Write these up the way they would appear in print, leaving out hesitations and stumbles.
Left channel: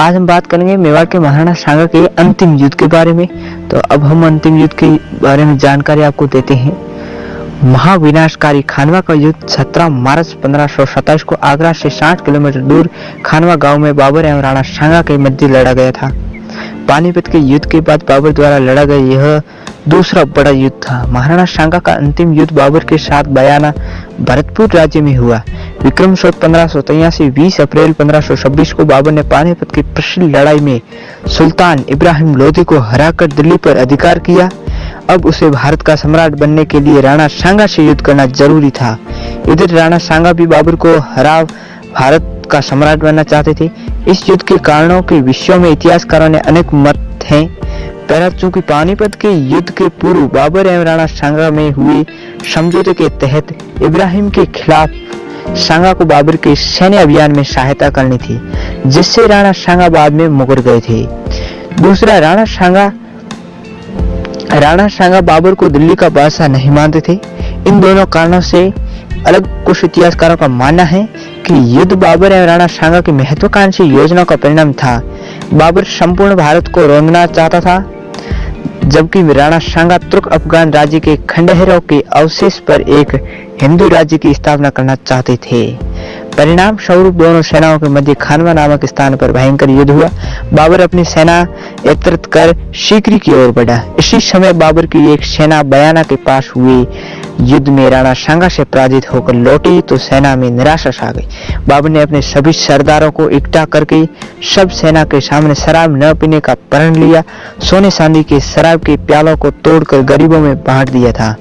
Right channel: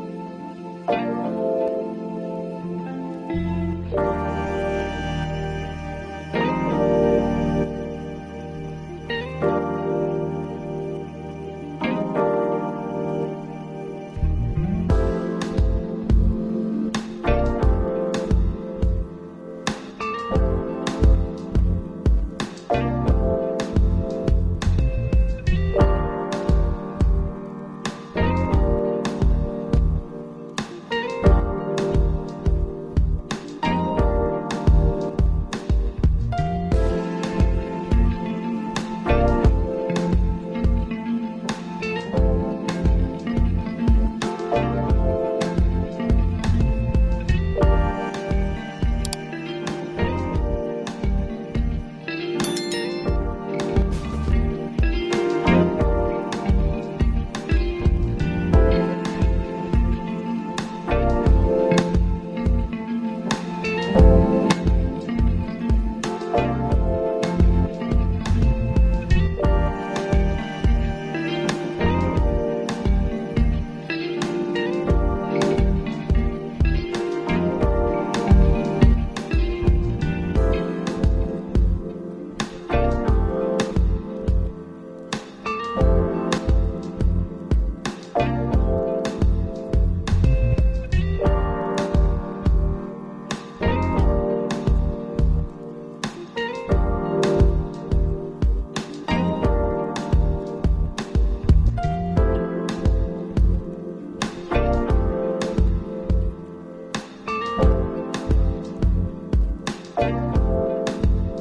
आज हम बात करेंगे मेवाड़ के महाराणा सांगा के अंतिम युद्ध के बारे में। तो अब हम अंतिम युद्ध के बारे में जानकारी आपको देते हैं। महाविनाशकारी खानवा का युद्ध 17 मार्च 1527 को आगरा से 60 किलोमीटर दूर खानवा गांव में बाबर एवं राणा सांगा के मध्य लड़ा गया था। पानीपत के युद्ध के बाद बाबर द्वारा लड़ा गया यह दूसरा बड़ा युद्ध था। महाराणा सांगा का अंतिम युद्ध बाबर के साथ बयाना भरतपुर राज्य में हुआ। विक्रम संवत 1583 20 अप्रैल 1526 को बाबर ने पानीपत की प्रसिद्ध लड़ाई में सुल्तान इब्राहिम लोधी को हराकर दिल्ली पर अधिकार किया। अब उसे भारत का सम्राट बनने के लिए राणा सांगा से युद्ध करना जरूरी था। इधर राणा सांगा भी बाबर को हरा भारत का सम्राट बनना चाहते थे। इस युद्ध के कारणों के विषयों में इतिहासकारों ने अनेक मत हैं। पहला, चूंकि पानीपत के युद्ध के पूर्व बाबर एवं राणा सांगा में हुए समझौते के तहत इब्राहिम के खिलाफ सांगा को बाबर के सैन्य अभियान में सहायता करनी थी, जिससे राणा सांगा बाद में मुकर गए थे। दूसरा, राणा सांगा बाबर को दिल्ली का बादशाह नहीं मानते थे। इन दोनों कारणों से अलग कुछ इतिहासकारों का मानना है कि युद्ध बाबर एवं राणा सांगा की महत्वाकांक्षी योजना का परिणाम था। बाबर संपूर्ण भारत को रौंदना चाहता था, जबकि राणा सांगा तुर्क अफगान राज्य के खंडहरों के अवशेष पर एक हिंदू राज्य की स्थापना करना चाहते थे। परिणाम स्वरूप दोनों सेनाओं के मध्य खानवा नामक स्थान पर भयंकर युद्ध हुआ। बाबर अपनी सेना एकत्रित कर सीकरी की ओर बढ़ा। इसी समय बाबर की एक सेना बयाना के पास हुए युद्ध में राणा सांगा से पराजित होकर लौटी तो सेना में निराशा छा गई। बाबर ने अपने सभी सरदारों को इकट्ठा करके सब सेना के सामने शराब न पीने का प्रण लिया। सोने चांदी के शराब के प्यालों को तोड़कर गरीबों में बांट दिया था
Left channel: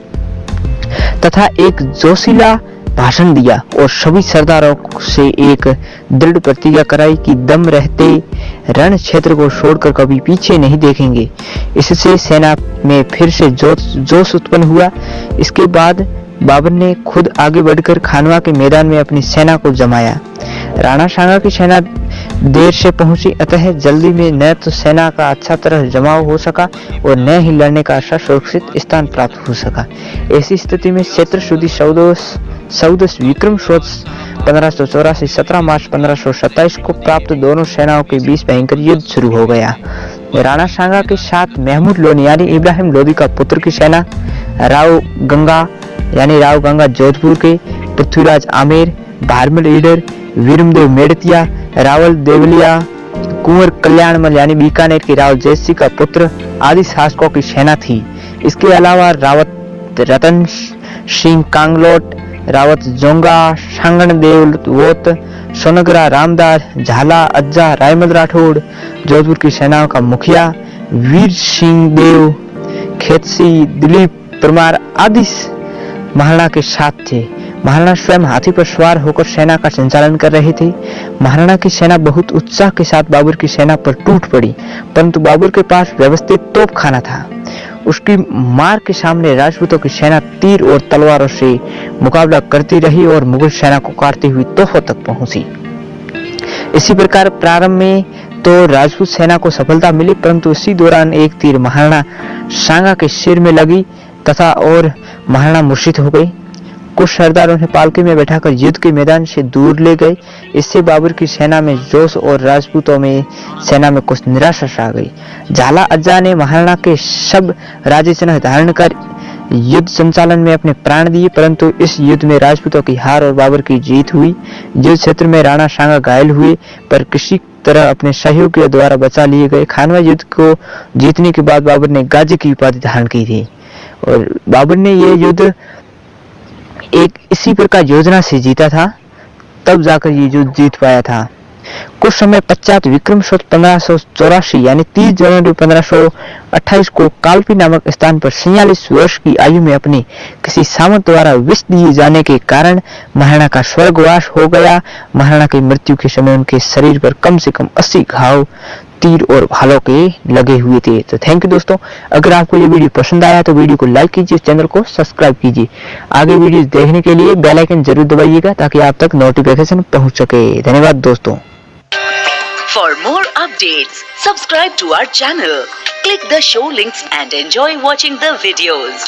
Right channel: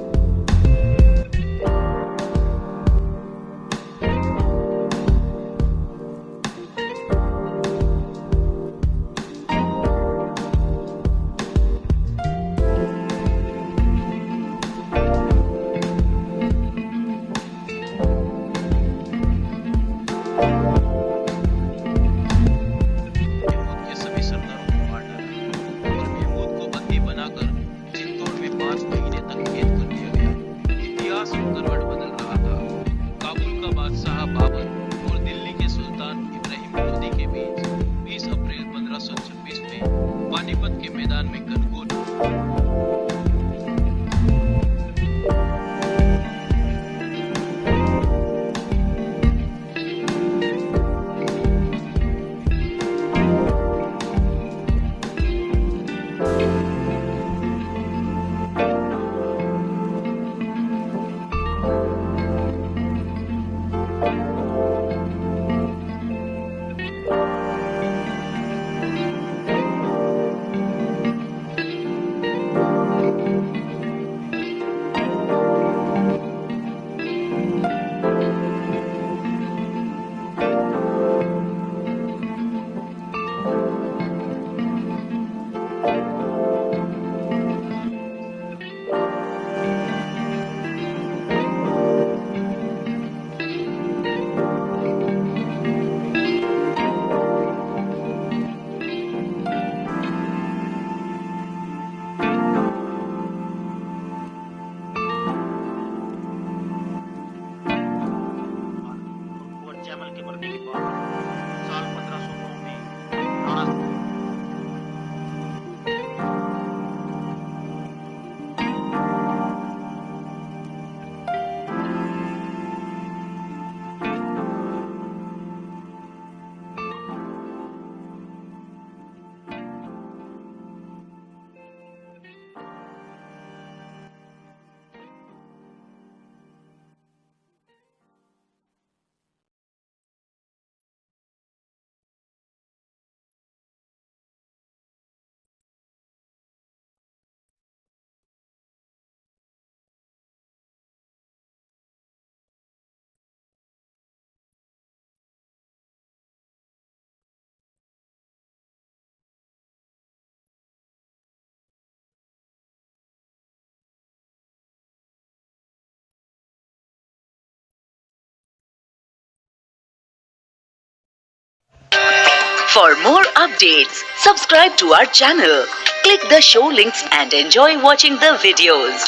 तथा एक जोशीला भाषण दिया और सभी सरदारों से एक दृढ़ प्रतिज्ञा कराई कि दम रहते रण क्षेत्र को छोड़कर कभी पीछे नहीं देखेंगे। इससे सेना में फिर से जोश उत्पन्न हुआ। इसके बाद बाबर ने खुद आगे बढ़कर खानवा के मैदान में अपनी सेना को जमाया। राणा सांगा की सेना देर से पहुंची, अतः जल्दी में न तो सेना का अच्छा तरह जमाव हो सका और न ही लड़ने का अच्छा सुरक्षित स्थान प्राप्त हो सका। ऐसी स्थिति में चैत्र शुद्ध 14 विक्रम संवत 1584 17 मार्च 1527 को प्राप्त दोनों सेनाओं के बीच भयंकर युद्ध शुरू हो गया। राणा सांगा के साथ महमूद लोधी यानी इब्राहिम लोधी का पुत्र की सेना, राव गंगा जोधपुर के, पृथ्वीराज आमेर, भारमल ईडर, वीरमदेव मेड़तिया, रावल देवलिया, कुंवर कल्याणमल यानी बीकानेर के राव जयसिंह का पुत्र आदि शासकों की सेना थी। इसके अलावा रावत रतन सिंह कांगलोट, रावत जोंगा, सांगण देववोत, सोनगरा रामदास, झाला अज्जा, रायमल राठौड़, जोधपुर की सेनाओं का मुखिया वीर सिंह देव, खेतसी, दिलीप परमार आदि महाराणा के साथ थे। महाराणा स्वयं हाथी पर सवार होकर सेना का संचालन कर रहे थे। महाराणा की सेना बहुत उत्साह के साथ बाबर की सेना पर टूट पड़ी, परंतु बाबर के पास व्यवस्थित तोपखाना था। उसकी मार के सामने राजपूतों की सेना तीर और तलवारों से मुकाबला करती रही और मुगल सेना को काटती हुई तोफों तक पहुंची। इसी प्रकार प्रारंभ में तो राजपूत सेना को सफलता मिली, परंतु इसी दौरान एक तीर महाराणा सांगा के सिर में लगी तथा और महाराणा मूर्छित हो गए। कुछ सरदार उन्हें पालकी में बैठाकर युद्ध के मैदान से दूर ले गए। इससे बाबर की सेना में जोश और राजपूतों में सेना में कुछ निराशा छा गई। झाला अज्जा ने महाराणा के सब राज्य चिन्ह धारण कर युद्ध संचालन में अपने प्राण दिए, परंतु इस युद्ध में राजपूतों की हार और बाबर की जीत हुई। युद्ध क्षेत्र में राणा सांगा घायल हुए, पर किसी तरह अपने सहयोगियों द्वारा बचा लिए गए। खानवा युद्ध को जीतने के बाद बाबर ने गाजी की उपाधि धारण की थी और बाबर ने यह युद्ध एक इसी प्रकार योजना से जीता था, तब जाकर ये युद्ध जीत पाया था। कुछ समय पश्चात विक्रम संवत 1584 यानी 30 जनवरी 1528 को कालपी नामक स्थान पर 46 वर्ष की आयु में अपने किसी सामंत द्वारा विष दिए जाने के कारण महाराणा का स्वर्गवास हो गया। महाराणा की मृत्यु के समय उनके शरीर पर कम से कम 80 घाव तीर और भालों के लगे हुए थे। तो थैंक यू दोस्तों। अगर आपको ये वीडियो पसंद आया तो वीडियो को लाइक कीजिए, चैनल को सब्सक्राइब कीजिए। आगे वीडियो देखने के लिए बेल आइकन जरूर दबाइएगा ताकि आप तक नोटिफिकेशन पहुंच सके। धन्यवाद दोस्तों। For more updates, subscribe to our channel, click the show links and enjoy watching the videos.